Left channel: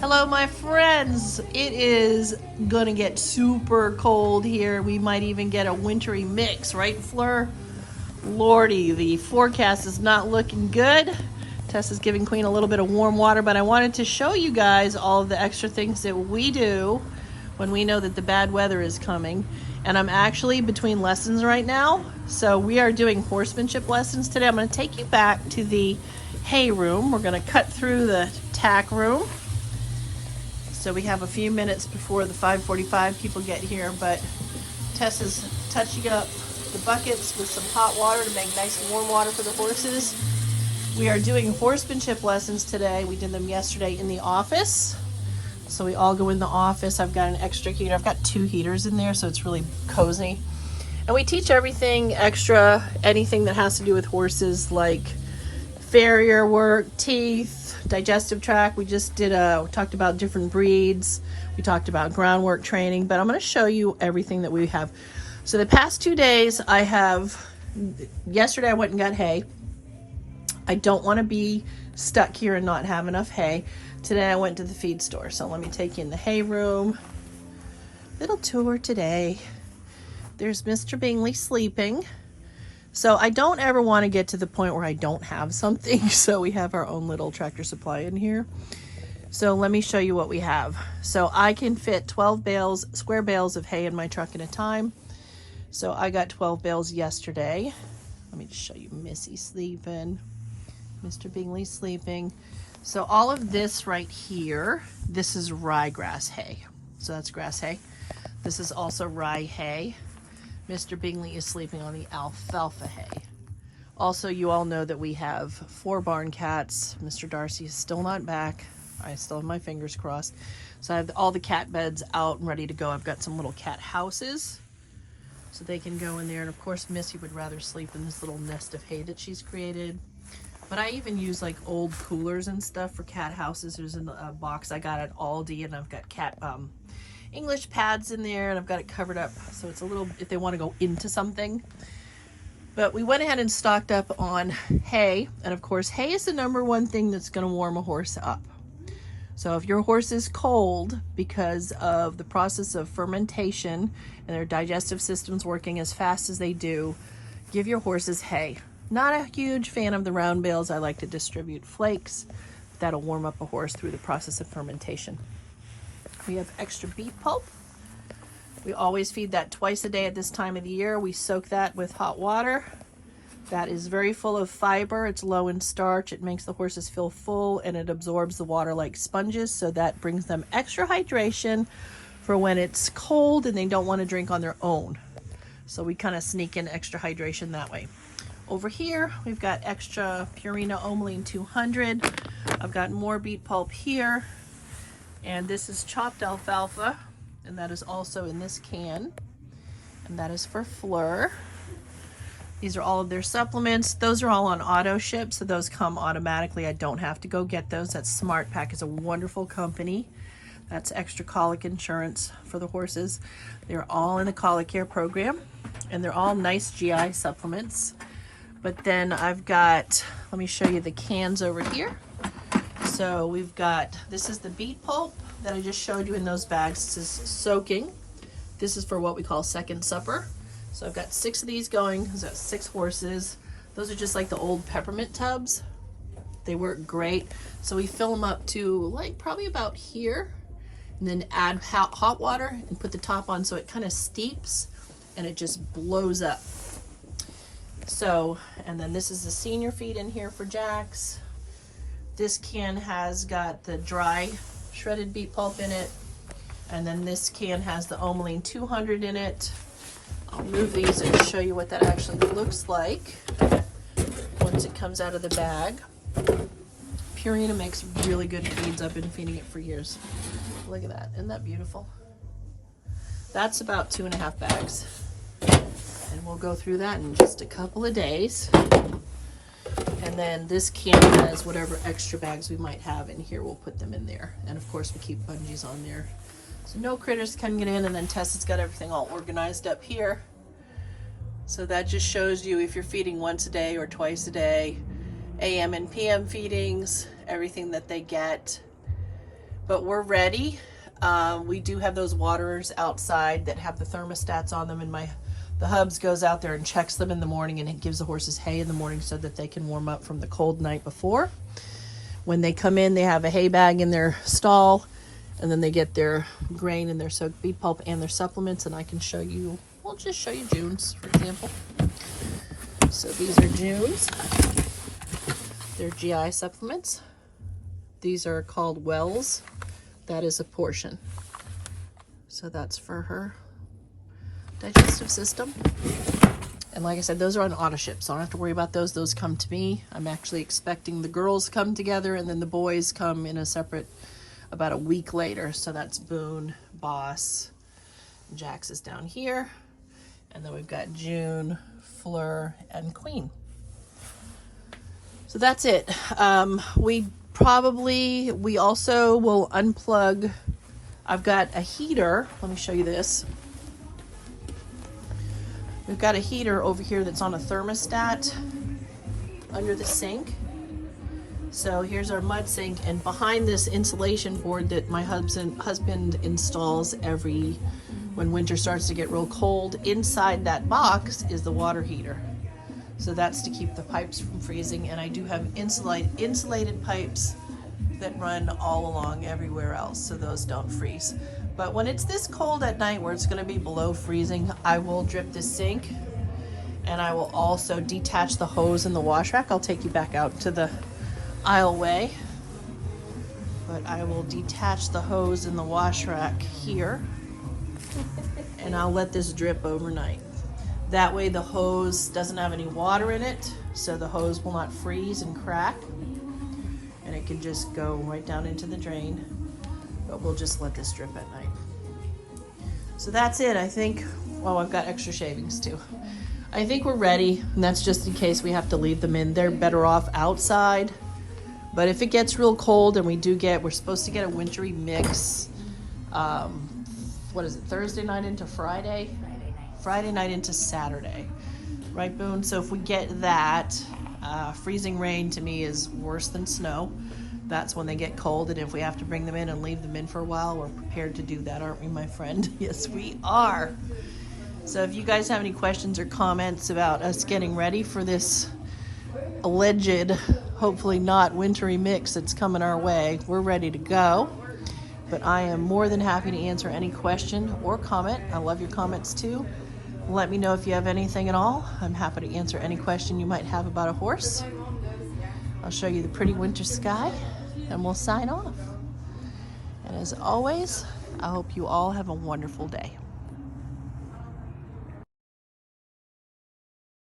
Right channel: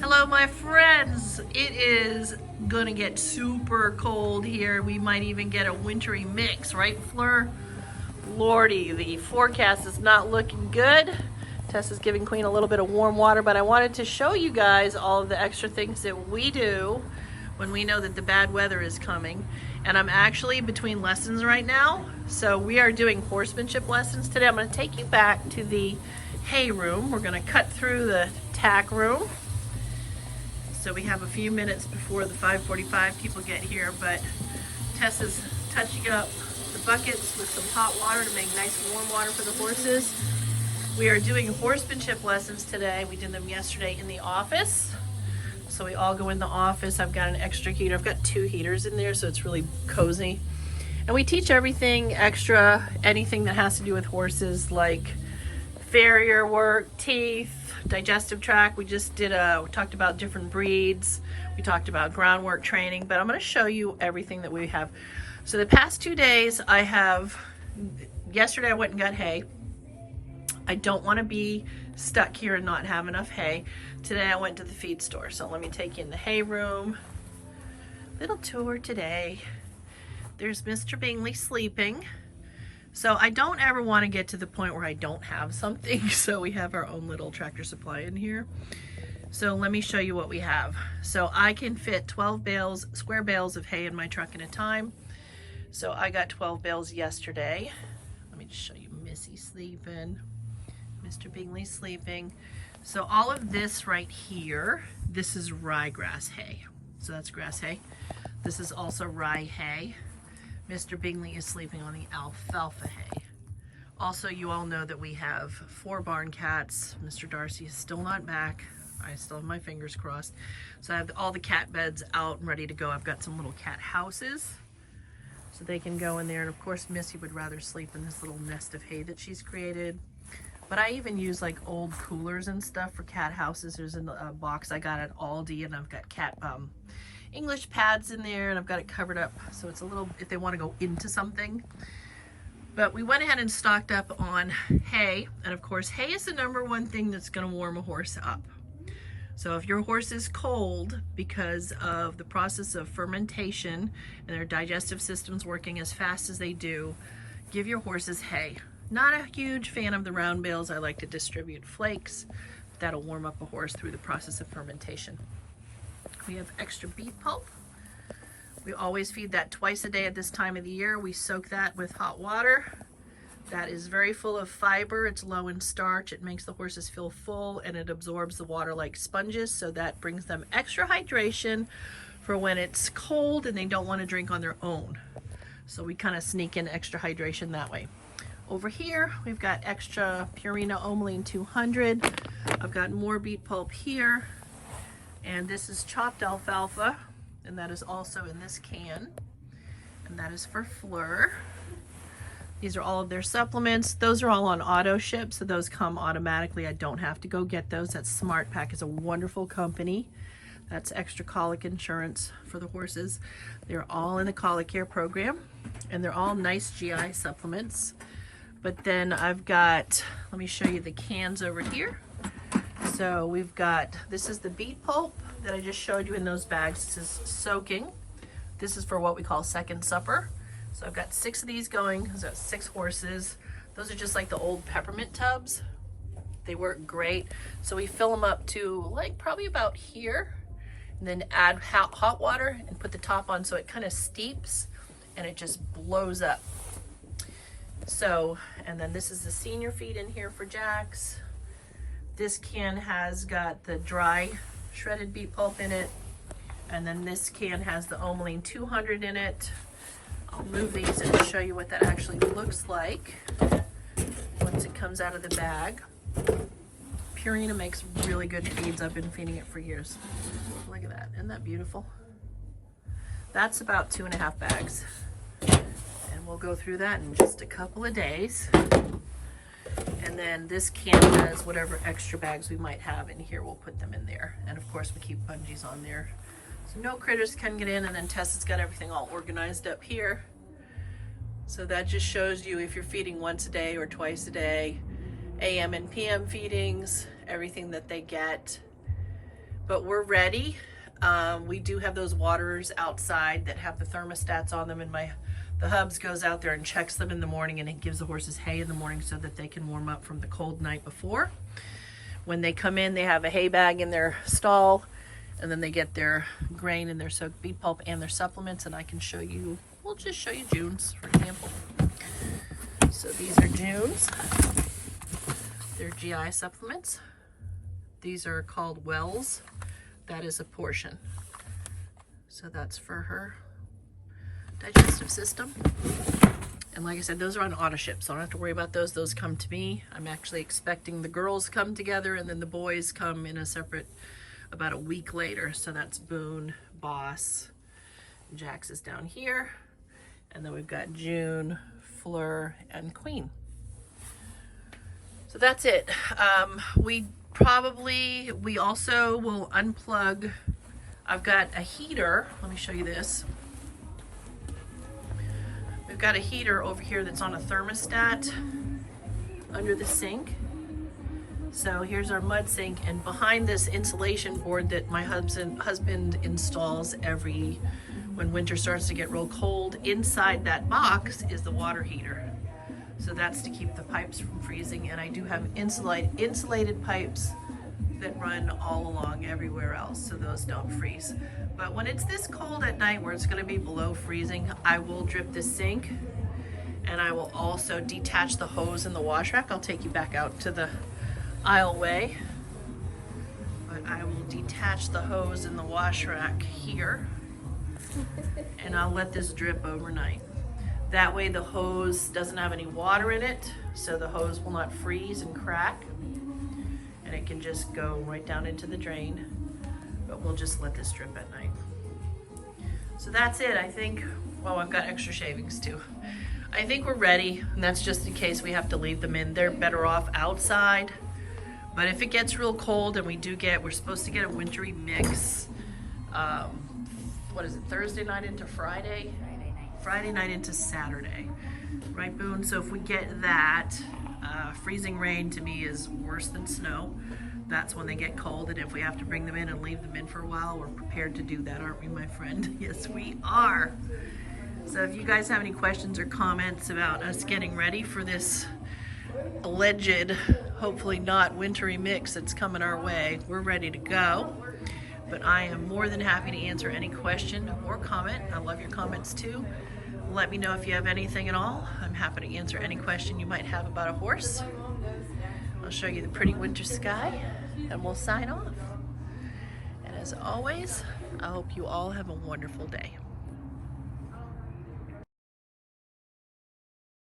Hello, my friends. It is gonna get super cold here. We might even get a wintry mix, right, Fleur? Lordy, the forecast is not looking good. Tess is giving Queen a little bit of warm water, but I wanted to show you guys all of the extra things that we do when we know that the bad weather is coming. And I'm actually between lessons right now, so we are doing horsemanship lessons today. I'm going to take you back to the hay room. We're going to cut through the tack room. So we have a few minutes before the 5:45 people get here, but Tess is touching up the buckets with some hot water to make nice warm water for the horses. We are doing horsemanship lessons today. We did them yesterday in the office. So we all go in the office. I've got an extra heater. I've got 2 heaters in there, so it's really cozy. And we teach everything extra, anything that has to do with horses, like farrier work, teeth, digestive tract. We just did talked about different breeds. We talked about groundwork training, but I'm going to show you everything that we have. So the past 2 days yesterday I went and got hay. I don't want to be stuck here and not have enough hay. Today I went to the feed store. So let me take you in the hay room. Little tour today. There's Mr. Bingley sleeping. So I don't ever want to get to the point where I don't have something. So we have our own little Tractor Supply in here. So let me show you what we have. So I can fit 12 bales, square bales of hay in my truck at a time. So I got 12 bales yesterday. Let me just show you Missy sleeping, Mr. Bingley sleeping. So all of this right here, this is ryegrass hay. So that's grass hay. This is also rye hay. Mr. Bingley is sleeping on the alfalfa hay. Also, you all know that we have 4 barn cats. Mr. Darcy is still not back. I still have my fingers crossed. So I have all the cat beds out and ready to go. I've got some little cat houses so they can go in there. And of course, Missy would rather sleep in this little nest of hay that she's created. But I even use like old coolers and stuff for cat houses. There's a box I got at Aldi, and I've got cat English pads in there, and I've got it covered up so it's a little, if they want to go into something. But we went ahead and stocked up on hay, and of course hay is the #1 thing that's going to warm a horse up. So if your horse is cold because of the process of fermentation and their digestive system's working as fast as they do, give your horses hay. Not a huge fan of the round bales. I like to distribute flakes. That'll warm up a horse through the process of fermentation. We have extra beet pulp. We always feed that twice a day at this time of the year. We soak that with hot water. That is very full of fiber. It's low in starch. It makes the horses feel full, and it absorbs the water like sponges, so that brings them extra hydration for when it's cold and they don't want to drink on their own. So we kind of sneak in extra hydration that way. Over here, we've got extra Purina Omeline 200. I've got more beet pulp here. And this is chopped alfalfa, and that is also in this can. And that is for Fleur. These are all of their supplements. Those are all on auto ship, so those come automatically. I don't have to go get those. That's Smart Pack is a wonderful company. That's extra colic insurance for the horses. They're all in the colic care program, and they're all nice GI supplements. But then I've got, let me show you the cans over here. So we've got, this is the beet pulp that I just showed you in those bags. This is soaking. This is for what we call second supper. So I've got 6 of these going because that's 6 horses. Those are just like the old peppermint tubs. They work great. So we fill them up to like probably about here, and then add hot water and put the top on so it kind of steeps and it just blows up. So, and then this is the senior feed in here for Jax. This can has got the dry shredded beet pulp in it. And then this can has the Omeline 200 in it. I'll move these and show you what that actually looks like once it comes out of the bag. Purina makes really good feeds. I've been feeding it for years. Look at that. Isn't that beautiful? That's about 2.5 bags. And we'll go through that in just a couple of days. And then this can has whatever extra bags we might have in here, we'll put them in there. And of course we keep bungees on there, so no critters can get in. And then Tessa's got everything all organized up here. So that just shows you if you're feeding once a day or twice a day, AM and PM feedings, everything that they get. But we're ready. We do have those waterers outside that have the thermostats on them, and the hubs goes out there and checks them in the morning, and it gives the horses hay in the morning so that they can warm up from the cold night before. When they come in, they have a hay bag in their stall, and then they get their grain and their soaked beet pulp and their supplements, and I can show you, we'll just show you June's, for example. So these are June's. They're GI supplements. These are called Wells. That is a portion. So that's for her digestive system. And like I said, those are on auto ship, so I don't have to worry about those. Those come to me. I'm actually expecting the girls come together, and then the boys come in a separate about a week later. So that's Boone, Boss, Jax is down here. And then we've got June, Fleur, and Queen. So that's it. We also will unplug. I've got a heater. Let me show you this. We've got a heater over here that's on a thermostat under the sink. So here's our mud sink, and behind this insulation board that my husband installs when winter starts to get real cold, inside that box is the water heater. So that's to keep the pipes from freezing, and I do have insulated pipes that run all along everywhere else, so those don't freeze. But when it's this cold at night where it's gonna be below freezing, I will drip the sink, and I will also detach the hose in the wash rack. I'll take you back out to the aisleway, but I will detach the hose in the wash rack here, and I'll let this drip overnight. That way the hose doesn't have any water in it, so the hose will not freeze and crack, and it can just go right down into the drain. But we'll just let this drip at night. So that's it, I think. Well, I've got extra shavings too. I think we're ready, and that's just in case we have to leave them in. They're better off outside. But if it gets real cold, and we're supposed to get a wintry mix, what is it, Thursday night into Friday? Friday night into Saturday, right, Boone? So if we get that, freezing rain to me is worse than snow. That's when they get cold, and if we have to bring them in and leave them in for a while, we're prepared to do that, aren't we, my friend? Yes, we are. So if you guys have any questions or comments about us getting ready for this alleged, hopefully not wintry mix that's coming our way, we're ready to go. But I am more than happy to answer any question or comment. I love your comments too. Let me know if you have anything at all. I'm happy to answer any question you might have about a horse. I'll show you the pretty winter sky, and we'll sign off. And as always, I hope you all have a wonderful day.